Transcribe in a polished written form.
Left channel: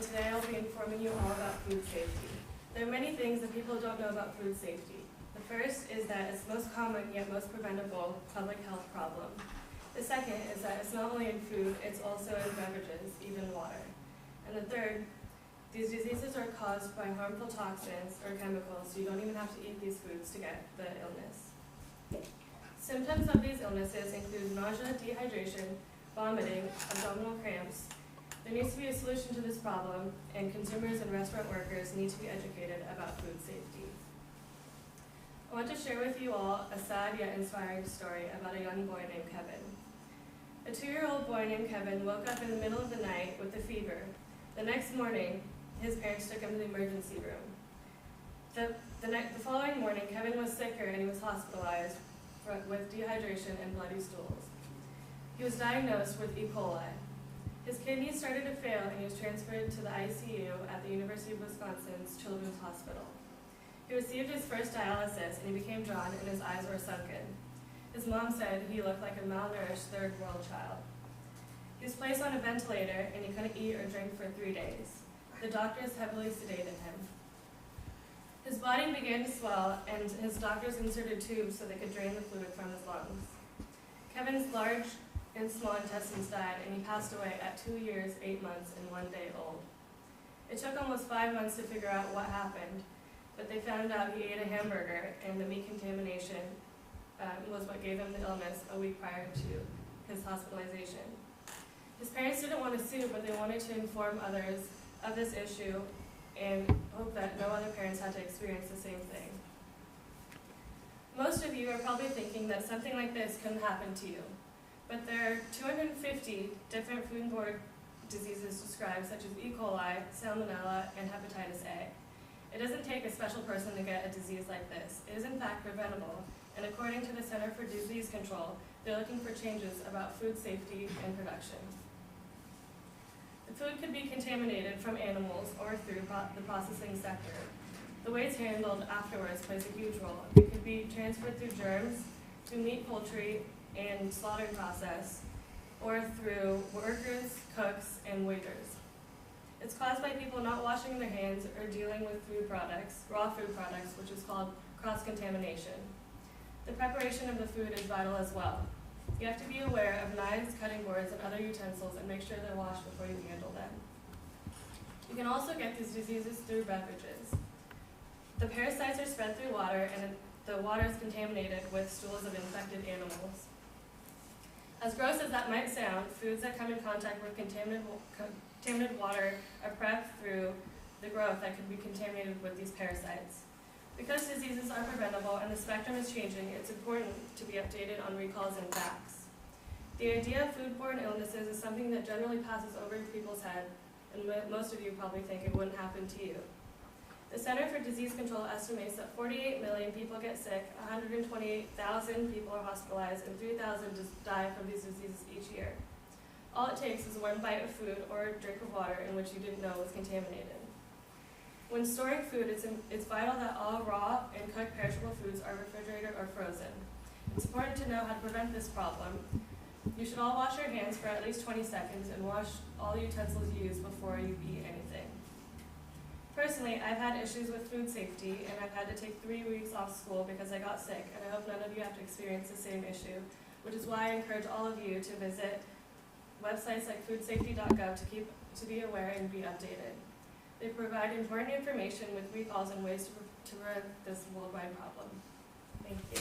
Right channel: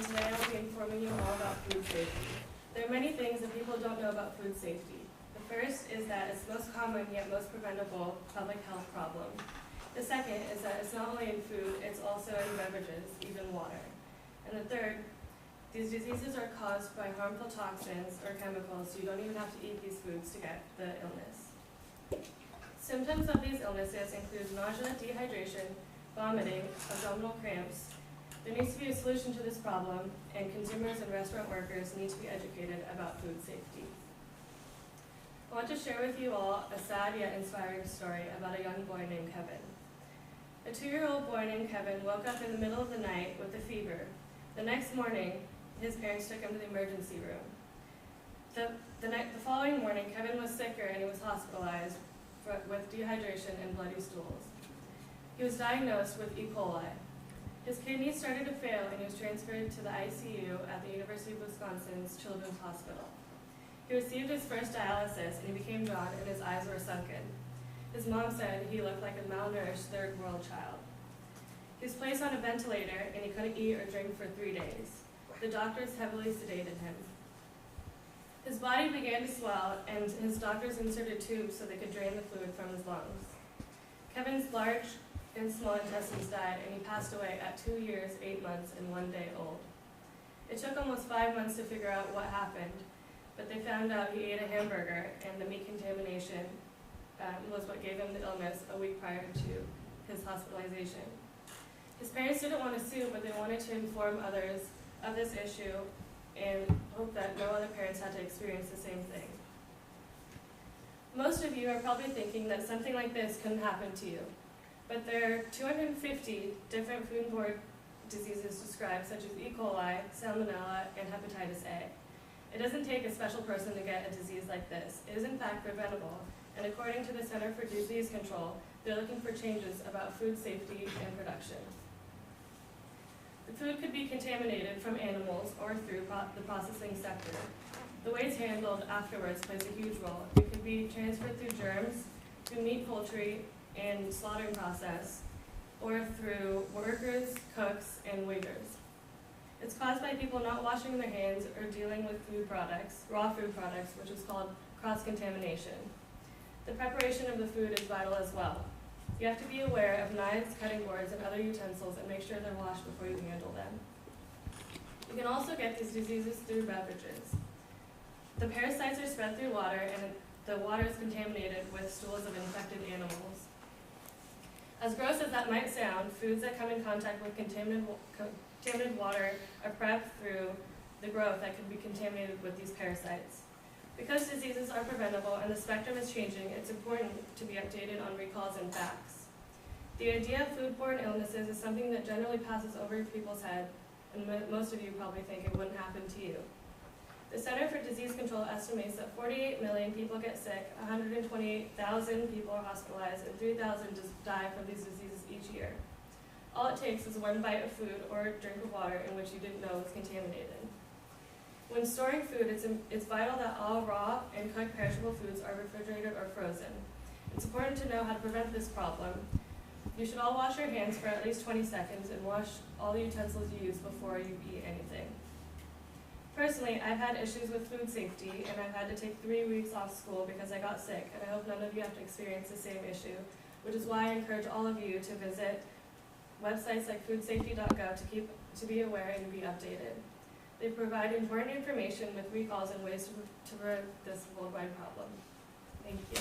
and today I'll be informing you all about food safety. There are many things that people don't know about food safety. The first is that it's the most common yet most preventable public health problem. The second is that it's not only in food, it's also in beverages, even water. And the third, these diseases are caused by harmful toxins or chemicals, so you don't even have to eat these foods to get the illness. Symptoms of these illnesses include nausea, dehydration, vomiting, abdominal cramps. There needs to be a solution to this problem, and consumers and restaurant workers need to be educated about food safety. I want to share with you all a sad yet inspiring story about a young boy named Kevin. A 2-year-old boy named Kevin woke up in the middle of the night with a fever. The next morning, his parents took him to the emergency room. The following morning, Kevin was sicker and he was hospitalized with dehydration and bloody stools. He was diagnosed with E. coli. His kidneys started to fail and he was transferred to the ICU at the University of Wisconsin's Children's Hospital. He received his first dialysis and he became drawn and his eyes were sunken. His mom said he looked like a malnourished third world child. He was placed on a ventilator and he couldn't eat or drink for 3 days. The doctors heavily sedated him. His body began to swell and his doctors inserted tubes so they could drain the fluid from his lungs. Kevin's large and small intestines died and he passed away at 2 years, 8 months, and 1 day old. It took almost 5 months to figure out what happened, but they found out he ate a hamburger and the meat contamination was what gave him the illness a week prior to his hospitalization. His parents didn't want to sue, but they wanted to inform others of this issue and hope that no other parents had to experience the same thing. Most of you are probably thinking that something like this couldn't happen to you, but there are 250 different foodborne diseases described, such as E. coli, salmonella, and hepatitis A. It doesn't take a special person to get a disease like this. It is in fact preventable, and according to the Center for Disease Control, they're looking for changes about food safety and production. The food could be contaminated from animals or through the processing sector. The way it's handled afterwards plays a huge role. It could be transferred through germs, through meat, poultry, and slaughtering process, or through workers, cooks, and waiters. It's caused by people not washing their hands or dealing with food products, raw food products, which is called cross-contamination. The preparation of the food is vital as well. You have to be aware of knives, cutting boards, and other utensils and make sure they're washed before you handle them. You can also get these diseases through beverages. The parasites are spread through water and the water is contaminated with stools of infected animals. As gross as that might sound, foods that come in contact with contaminated water are prepped through the growth that could be contaminated with these parasites. Because diseases are preventable and the spectrum is changing, it's important to be updated on recalls and facts. The idea of foodborne illnesses is something that generally passes over people's head, and most of you probably think it wouldn't happen to you. The Center for Disease Control estimates that 48 million people get sick, 128,000 people are hospitalized, and 3,000 die from these diseases each year. All it takes is one bite of food or a drink of water in which you didn't know was contaminated. When storing food, it's vital that all raw and cooked perishable foods are refrigerated or frozen. It's important to know how to prevent this problem. You should all wash your hands for at least 20 seconds and wash all the utensils you use before you eat anything. Personally, I've had issues with food safety, and I've had to take 3 weeks off school because I got sick, and I hope none of you have to experience the same issue, which is why I encourage all of you to visit websites like foodsafety.gov to be aware and be updated. They provide important information with recalls and ways to prevent this worldwide problem. Thank you.